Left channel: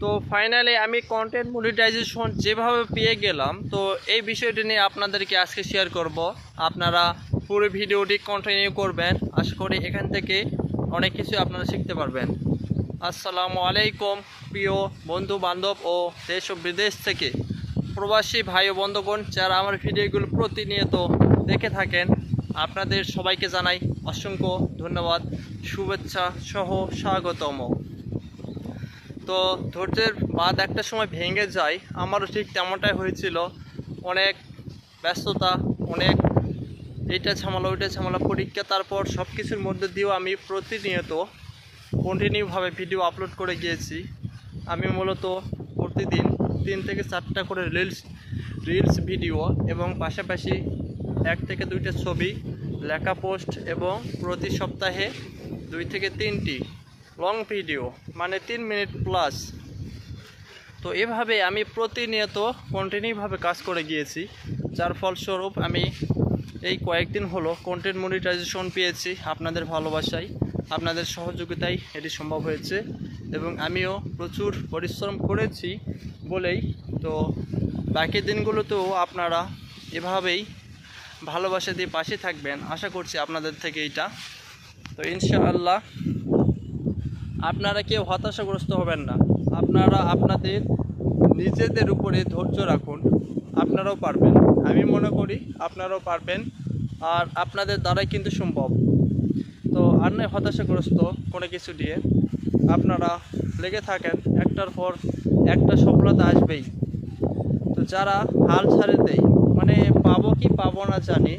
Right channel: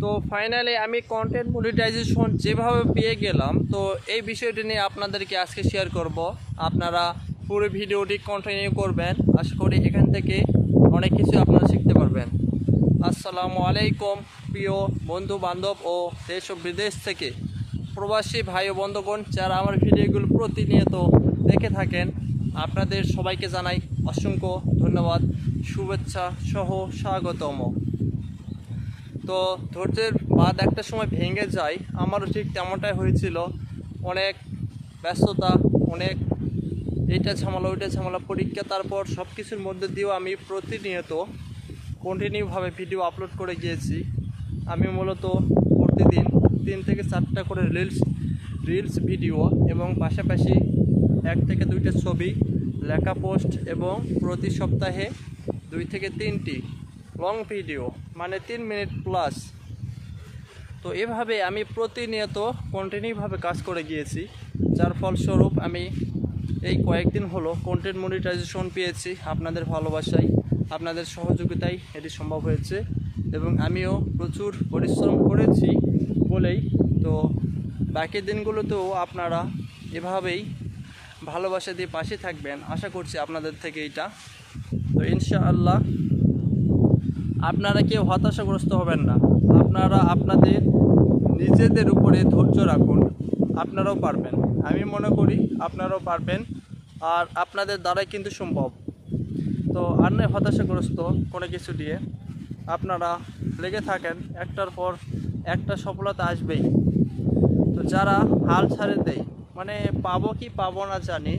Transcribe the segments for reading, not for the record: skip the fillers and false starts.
তো ফাইনালি আমি content monetization যেভাবে পেয়ে গেলাম, তো এই বিষয়টি নিয়ে আপনাদেরকে আজকে শেয়ার করব। আপনারা পুরো ভিডিওটি কন্টিনিউ করবেন, আশা করি এখান থেকে অনেক কিছু আপনারা শিখতে পারবেন। আসসালামু আলাইকুম প্রিয় বন্ধু বান্ধব ও দেশ ও বিদেশ থেকে প্রবাসী ভাই ও বন্ধুগণ যারা আমার ভিডিওগুলো প্রতিনিয়ত দেখে থাকেন, আপনাদের সবাইকে জানাই অসংখ্য ধন্যবাদ, শুভেচ্ছা সহ স্বাগতম। তো ধৈর্যের বাদ একটা সময় ভেঙে যায়, আমারও ঠিক তেমনটাই হয়েছিল। অনেক ব্যস্ততা, অনেক এইটা ঝামেলা ওইটা ঝামেলা, পরীক্ষা, তারপর সব কিছুর মধ্যে দিয়েও আমি প্রতিনিয়ত কন্টিনিউভাবে ভিডিও আপলোড করে গিয়েছি। আমি মূলত প্রতিদিন 3 থেকে 4টা করে রিলস ভিডিও এবং পাশাপাশি 1 থেকে 2টা ছবি, লেখা পোস্ট এবং প্রতি সপ্তাহে 2 থেকে 3টি লং ভিডিও, মানে 3 মিনিট প্লাস। তো এভাবে আমি প্রতিনিয়ত কন্টিনিউভাবে কাজ করে গিয়েছি, যার ফলস্বরূপ আমি এই কয়েকদিন হলো কন্টেন্ট মনিটাইজেশন পেয়েছি। আপনাদের ভালোবাসায়, আপনাদের সহযোগিতায় এটি সম্ভব হয়েছে এবং আমিও প্রচুর পরিশ্রম করেছি বলেই। তো বাকি দিনগুলোতেও আপনারা এভাবেই ভালোবাসা দিয়ে পাশে থাকবেন, আশা করছি আপনাদের থেকে এইটা। তো ইনশাআল্লাহ আপনারা কেউ হতাশাগ্রস্ত হবেন না। আপনারা আপনাদের নিজেদের উপরে ধৈর্য রাখুন, আপনারাও পারবেন। আমি মনে করি আপনারাও পারবেন, আর আপনাদের দ্বারাই কিন্তু সম্ভব। তো আর নয় হতাশাগ্রস্ত কোনো কিছু দিয়ে, আপনারা লেগে থাকেন, একটার পর একটা সফলতা আসবেই। তো যারা হাল ছাড়ে দেয়, মানে পাবো কি পাবো না জানি,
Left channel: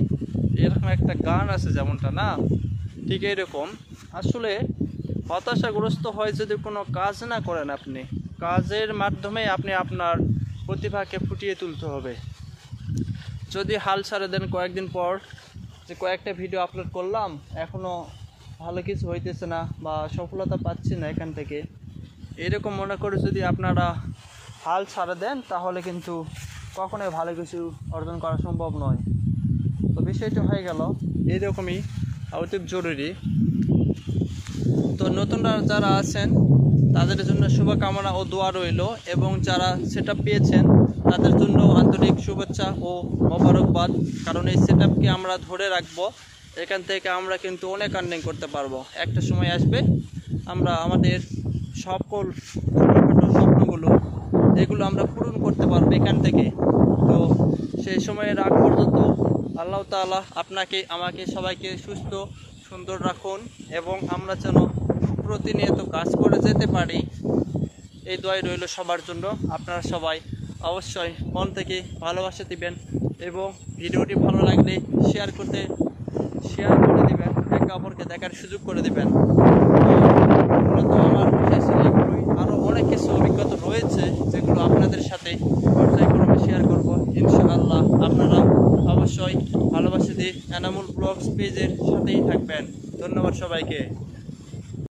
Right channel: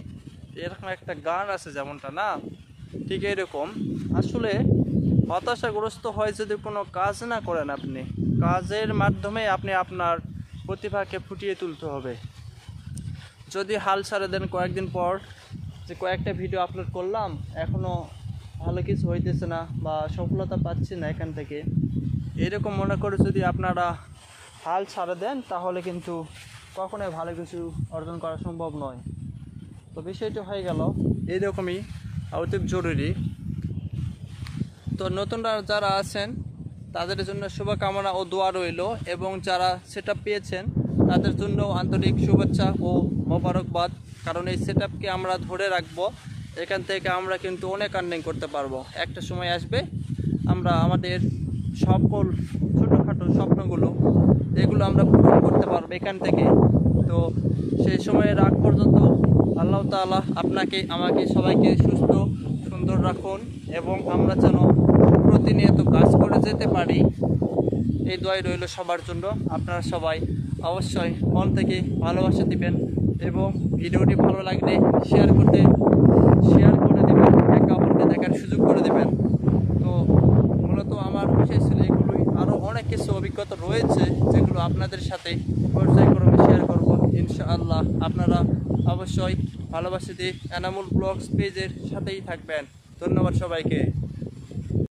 এরকম একটা গান আছে যেমনটা না, ঠিক এরকম আসলে হতাশাগ্রস্ত হয় যদি কোনো কাজ না করেন। আপনি কাজের মাধ্যমে আপনি আপনার প্রতিভাকে ফুটিয়ে তুলতে হবে। যদি হাল ছাড়ে দেন কয়েকদিন পর, যে কয়েকটা ভিডিও আপলোড করলাম এখনও ভালো কিছু হইতেছে না বা সফলতা পাচ্ছি না এখান থেকে, এরকম মনে করে যদি আপনারা হাল ছাড়ে দেন, তাহলে কিন্তু কখনোই ভালো কিছু অর্জন করা সম্ভব নয়। তো বিষয়টি হয়ে গেল এইরকমই অতি জরুরি। তো নতুনরা যারা আছেন তাদের জন্য শুভকামনা ও দোয়া রইল, এবং যারা সেটআপ পেয়েছেন তাদের জন্য আন্তরিক শুভেচ্ছা ও মোবারকবাদ। কারণ এই সেটআপকে আমরা ধরে রাখবো, এখান থেকে আমরা কিন্তু অনেক আর্নিং করতে পারবো। একটা সময় আসবে আমরা আমাদের সকল ছোটোখাটো স্বপ্নগুলো এগুলো আমরা পূরণ করতে পারবো এখান থেকে। তো সেই সময়ের আগ পর্যন্ত আল্লাহ তাআলা আপনাকে, আমাকে, সবাইকে সুস্থ সুন্দর রাখুন এবং আমরা যেন প্রতিনিয়ত কাজ করে যেতে পারি, এই দোয়াই রইল সবার জন্য। আপনারা সবাই অবশ্যই মন থেকে ভালোবাসা দিবেন এবং ভিডিওটি ভালো লাগলে শেয়ার করে দেবেন, একে অপরকে দেখার সুযোগ করে দেবেন। মূলত আমার বিশেষ এগুলোই, আরও অনেক কিছু অভিজ্ঞতা রয়েছে যেগুলো আপনাদের সাথে পর্যায়ক্রমে শেয়ার করব ইনশাআল্লাহ। আপনারা অবশ্যই ভালোবাসা দিয়ে এনামুল ব্লগস পেজের সাথেই থাকবেন। ধন্যবাদ সবাইকে।